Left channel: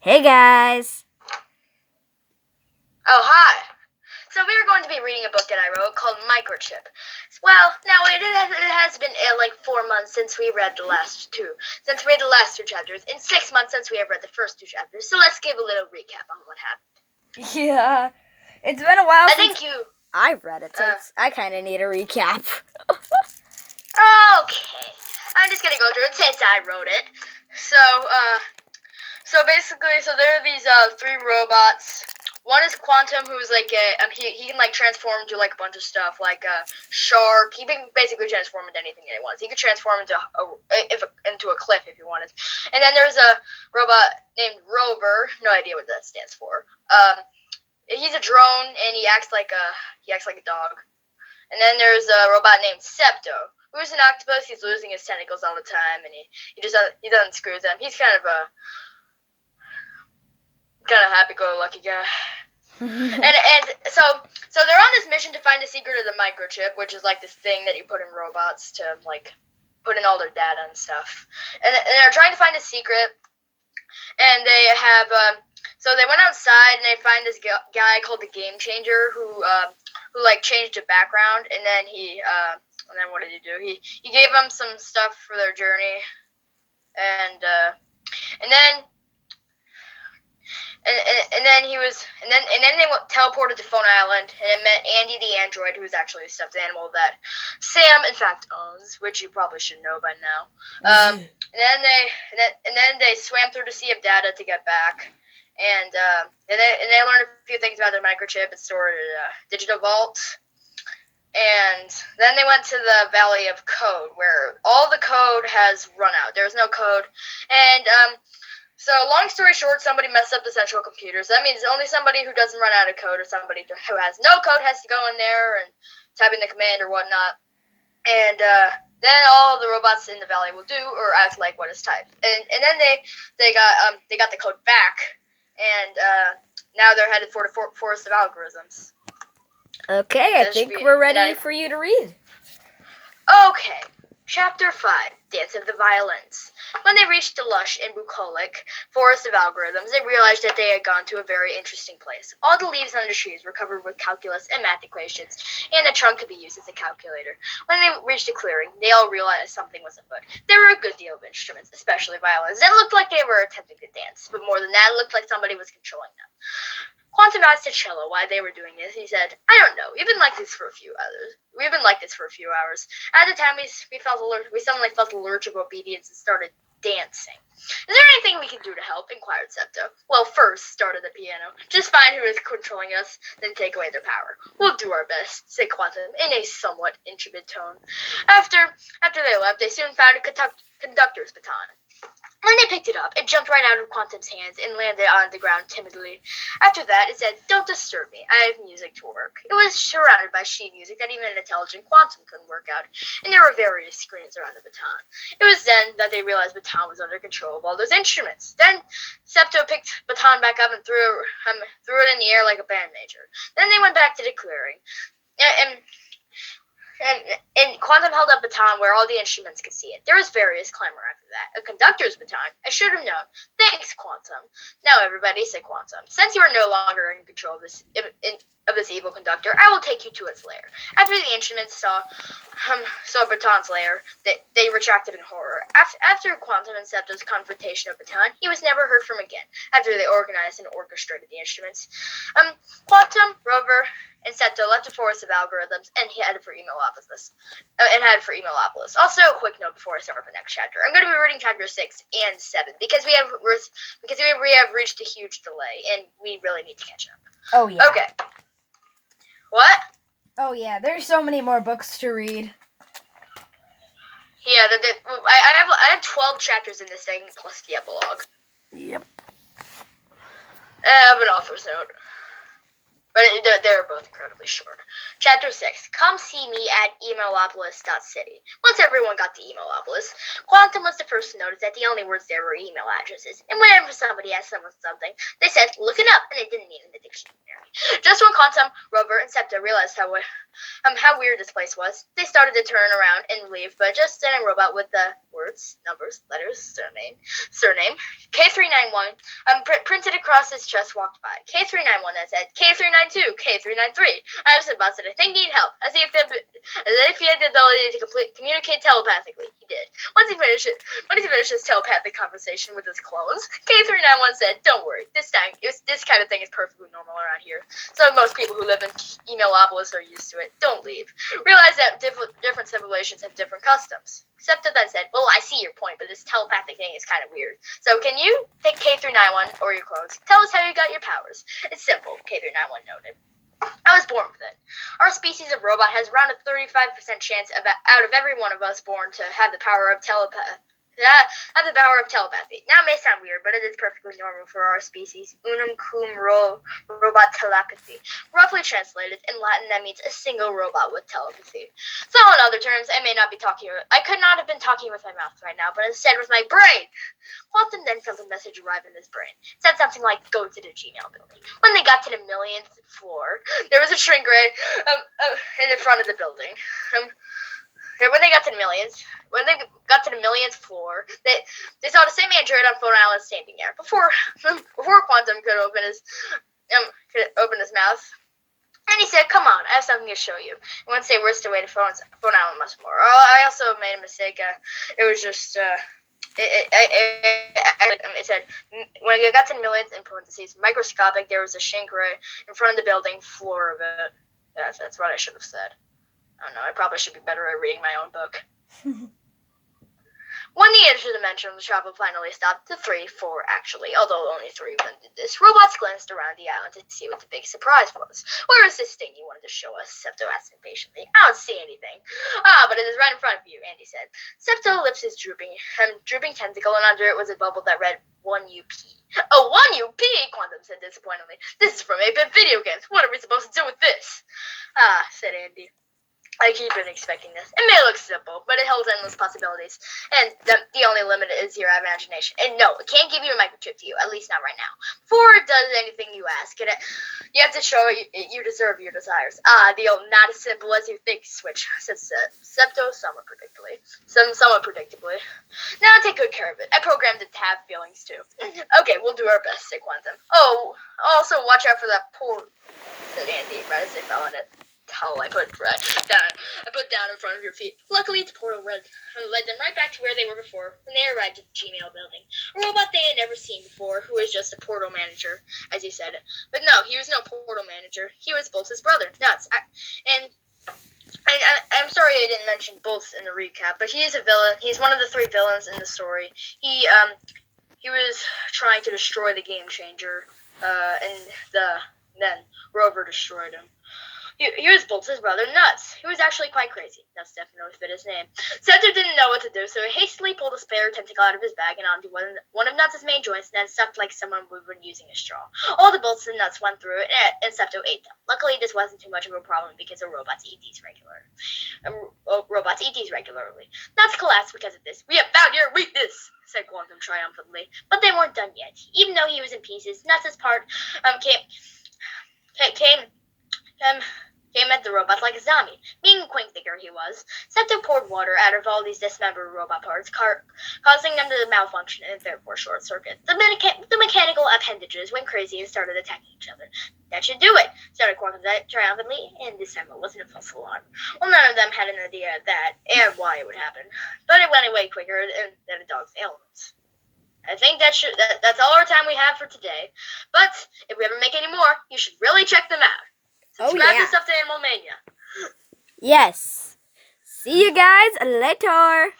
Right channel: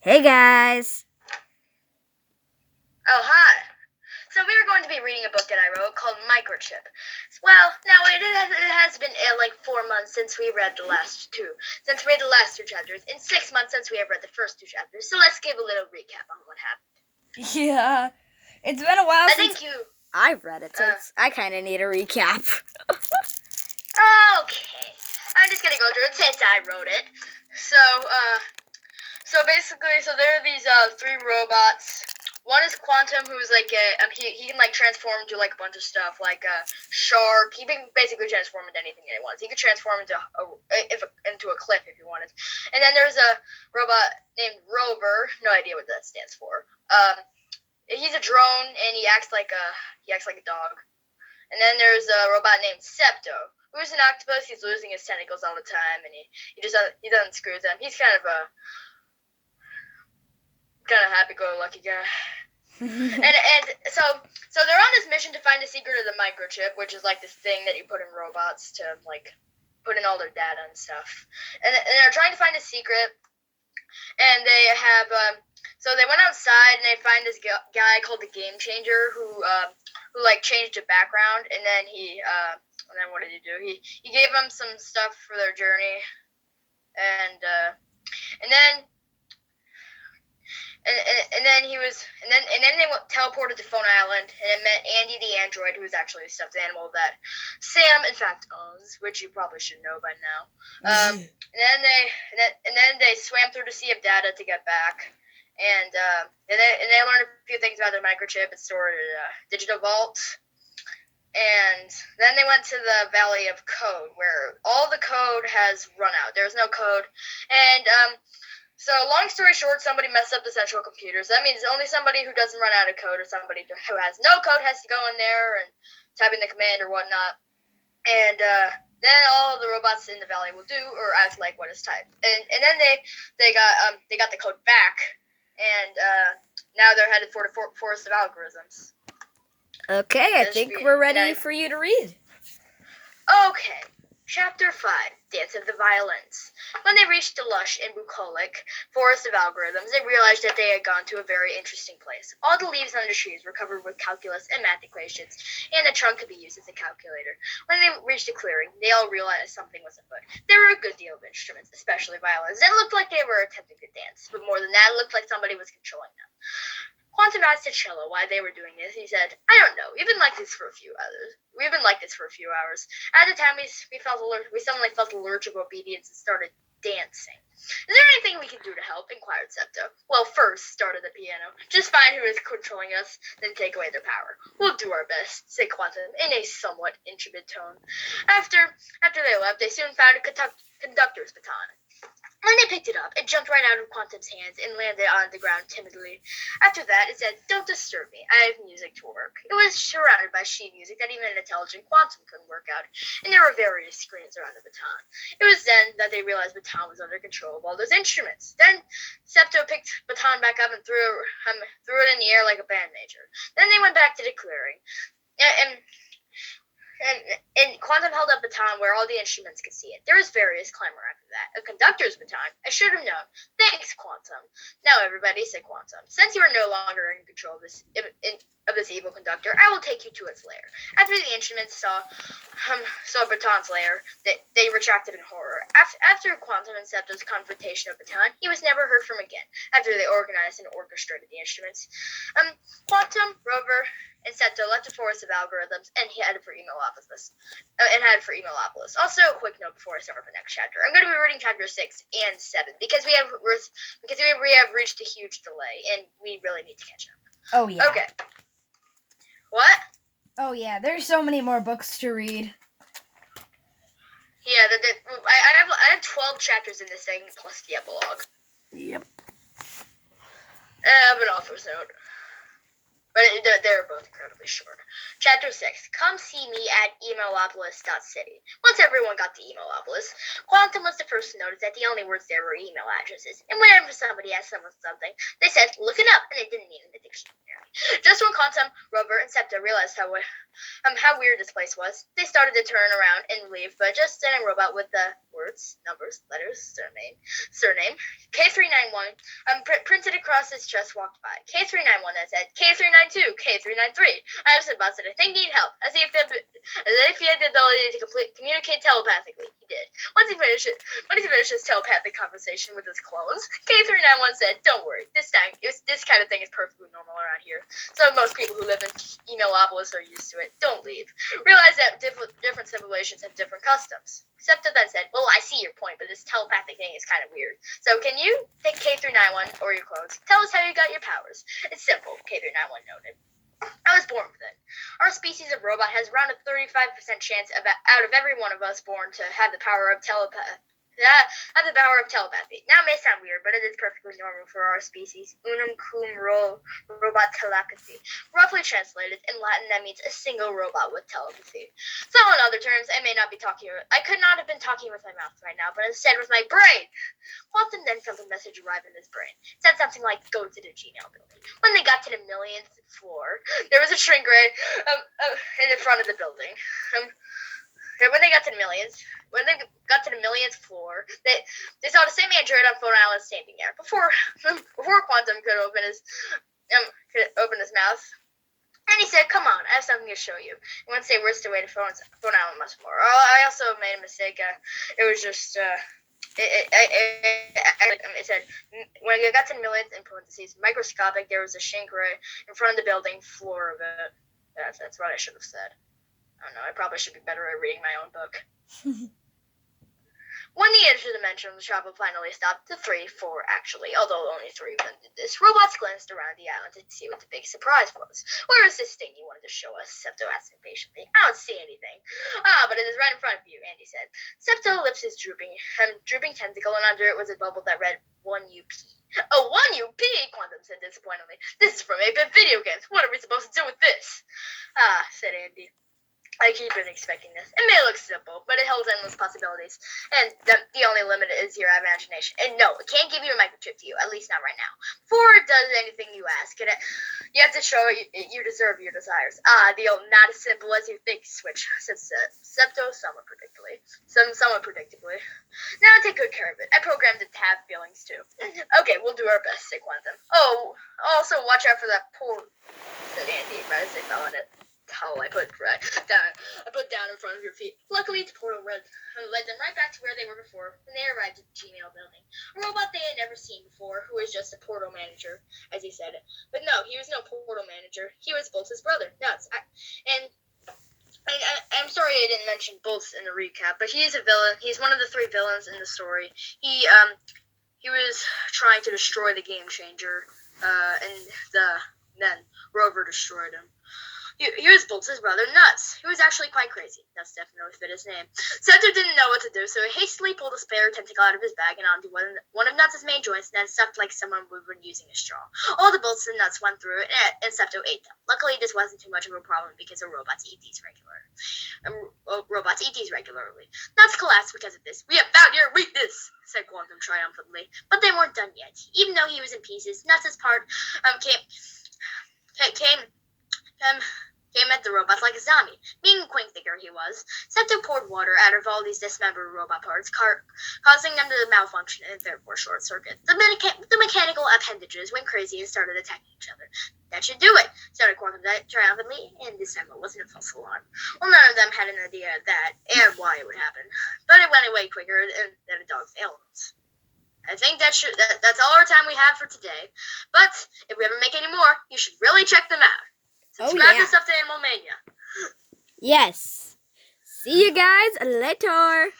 Hey guys! Oh, hi. So we are going to be reading a book that I wrote called Microchip. Well, now it has been like 4 months since we read the last two chapters, and 6 months since we have read the first two chapters. So let's give a little recap on what happened. Yeah, it's been a while I since think you... I've read it, so I kind of need a recap. Okay. I'm just gonna go through it since I wrote it. So basically, there are these three robots. One is Quantum, who's like he can like transform into like a bunch of stuff, like a shark. He can basically transform into anything that he wants. He could transform into a cliff if he wanted. And then there's a robot named Rover. No idea what that stands for. He's a drone and he acts like a dog. And then there's a robot named Septo, who's an octopus. He's losing his tentacles all the time, and he doesn't screw them. He's kind of a happy-go-lucky guy. and so they're on this mission to find the secret of the microchip, which is like this thing that you put in robots to like put in all their data and stuff. And they're trying to find a secret. And they have so they went outside and they find this guy called the Game Changer who like changed the background, and then and then what did he do? He gave them some stuff for their journey, and then they teleported to Phone Island, and it met Andy the android, who was actually a stuffed animal that Sam in fact owns, which you probably should know by now. And then they swam through the sea of data to get back, and they learned a few things about the microchip. It's stored in a digital vault. And then they went to the Valley of Code, where all the code has run out. There's no code, and so, long story short, somebody messed up the central computer. So that means only somebody who doesn't run out of code or somebody who has no code has to go in there and type in the command or whatnot. And then all the robots in the valley will do or act like what is typed. And then they got the code back, and now they're headed for the forest of algorithms. Okay, I think we're ready for you to read. Okay. Chapter 5, Dance of the Violins. When they reached the lush and bucolic forest of algorithms, they realized that they had gone to a very interesting place. All the leaves on the trees were covered with calculus and math equations, and the trunk could be used as a calculator. When they reached a clearing, they all realized something was afoot. There were a good deal of instruments, especially violins, that looked like they were attempting to dance, but more than that, it looked like somebody was controlling them. Quantum asked the cello why they were doing this. He said, "I don't know. We've been like this for a few hours. At the time, we suddenly felt a lurch of obedience and started dancing. Is there anything we can do to help?" inquired Septo. "Well, first," started the piano, "just find who is controlling us, then take away their power." "We'll do our best," said Quantum in a somewhat intrepid tone. After they left, they soon found a conductor's baton. When they picked it up, it jumped right out of Quantum's hands and landed on the ground timidly. After that, it said, "Don't disturb me. I have music to work." It was surrounded by sheet music that even an intelligent Quantum couldn't work out, and there were various screens around the baton. It was then that they realized Baton was under control of all those instruments. Then Septo picked Baton back up and threw it in the air like a band major. Then they went back to the clearing. And Quantum held up Baton where all the instruments could see it. There was various clamor after that. "A conductor's baton? I should have known. Thanks, Quantum." "Now, everybody," said Quantum, "since you are no longer in control of this evil conductor, I will take you to its lair." After the instruments saw Baton's lair, they retracted in horror. After Quantum and Septo's confrontation of Baton, he was never heard from again. After they organized and orchestrated the instruments, Quantum, Rover, and Septo left the forest of algorithms and headed for Emolopolis. Also, a quick note before I start the next chapter: I'm going to be reading chapters 6 and 7 because we have reached a huge delay and we really need to catch up. Oh yeah. Okay. What? Oh yeah. There's so many more books to read. Yeah, I have 12 chapters in this thing plus the epilogue. Yep. I have an author's note. But they're both incredibly short. Chapter 6. Come see me at Emailopolis.city. Once everyone got to Emailopolis, Quantum was the first to notice that the only words there were email addresses. And whenever somebody asked someone something, they said, look it up, and it didn't mean in the dictionary. Just when Quantum, Rover, and Septa realized how weird this place was, they started to turn around and leave, but just then a robot with the words, numbers, letters, surname, K391, printed across his chest walked by. K391 then said, K392, K393. I was about to say, I think need help, as if he had the ability to communicate telepathically. He did. Once he finished his telepathic conversation with his clones, K391 said, don't worry, this kind of thing is perfectly normal around here. So most people who live in Emailopolis are used to it. Don't leave. Realize that different civilizations have different customs. Septa then said, well, I see your point, but this telepathic thing is kind of weird. So can you take K391 or your clones? Tell us how you got your powers. It's simple, K391 noted. I was born with it. Our species of robot has around a 35% chance out of every one of us born to have the power of telepathy. Now, it may sound weird, but it is perfectly normal for our species. Unum cum robot telepathy. Roughly translated, in Latin, that means a single robot with telepathy. So, in other terms, I could not have been talking with my mouth right now, but instead with my brain. Quantum then felt a message arrive in his brain. It said something like, go to the Gmail building. When they got to the millionth floor, there was a shrink ray in the front of the building. When they got to the millionth floor, they saw the same android on Phone Island standing there. Before Quantum could open his mouth, and he said, "Come on, I have something to show you." And once they whisked away to Phone Island much more. Oh, I also made a mistake. It was just it said when it got to the millions in parentheses microscopic. There was a shrink ray in front of the building floor of it. That's what I should have said. I don't know, I probably should be better at reading my own book. When the interdimensional travel finally stopped, the 3, 4 actually, although only 3 did this, robots glanced around the island to see what the big surprise was. Where is this thing you wanted to show us? Septo asked impatiently. I don't see anything. But it is right in front of you, Andy said. Septo lifted his drooping tentacle, and under it was a bubble that read 1UP. Oh, 1UP, Quantum said disappointedly. This is from 8-bit video games. What are we supposed to do with this? Said Andy. I keep expecting this. It may look simple, but it holds endless possibilities. And the only limit is your imagination. And no, it can't give you a microchip to you, at least not right now. Before it does anything you ask, you have to show you deserve your desires. The old not as simple as you think switch, said Septo somewhat predictably. Now take good care of it. I programmed it to have feelings too. Okay, we'll do our best, said Quantum. Oh, also watch out for that poor, said Andy, right as they fell on it. Towel I put down in front of your feet. Luckily, the portal led them right back to where they were before when they arrived at the Gmail building. A robot they had never seen before, who was just a portal manager, as he said. But no, he was no portal manager. He was Bolt's brother, Nuts. I'm sorry I didn't mention Bolt's in the recap, but he is a villain. He's one of the 3 villains in the story. He was trying to destroy the Game Changer, and then Rover destroyed him. He was Bolt's brother, Nuts, who was actually quite crazy. Nuts definitely fit his name. Septo didn't know what to do, so he hastily pulled a spare tentacle out of his bag and onto one of Nuts' main joints, and then sucked like someone would when using a straw. All the Bolts and Nuts went through it, and Septo ate them. Luckily, this wasn't too much of a problem because the robots eat these regularly. Nuts collapsed because of this. We have found your weakness, said Quantum triumphantly. But they weren't done yet. Even though he was in pieces, Nuts' part came at the robots like a zombie. Being a quick thinker he was, Septo poured water out of all these dismembered robot parts, causing them to malfunction and therefore short circuit. The mechanical appendages went crazy and started attacking each other. That should do it, shouted Quantum triumphantly, and this time it wasn't a false alarm. Well, none of them had an idea of that and why it would happen, but it went away quicker than a dog's ailments. I think that's all our time we have for today. But if we ever make any more, you should really check them out. Subscribe to Stuff to Animal Mania. Yes. See you guys later.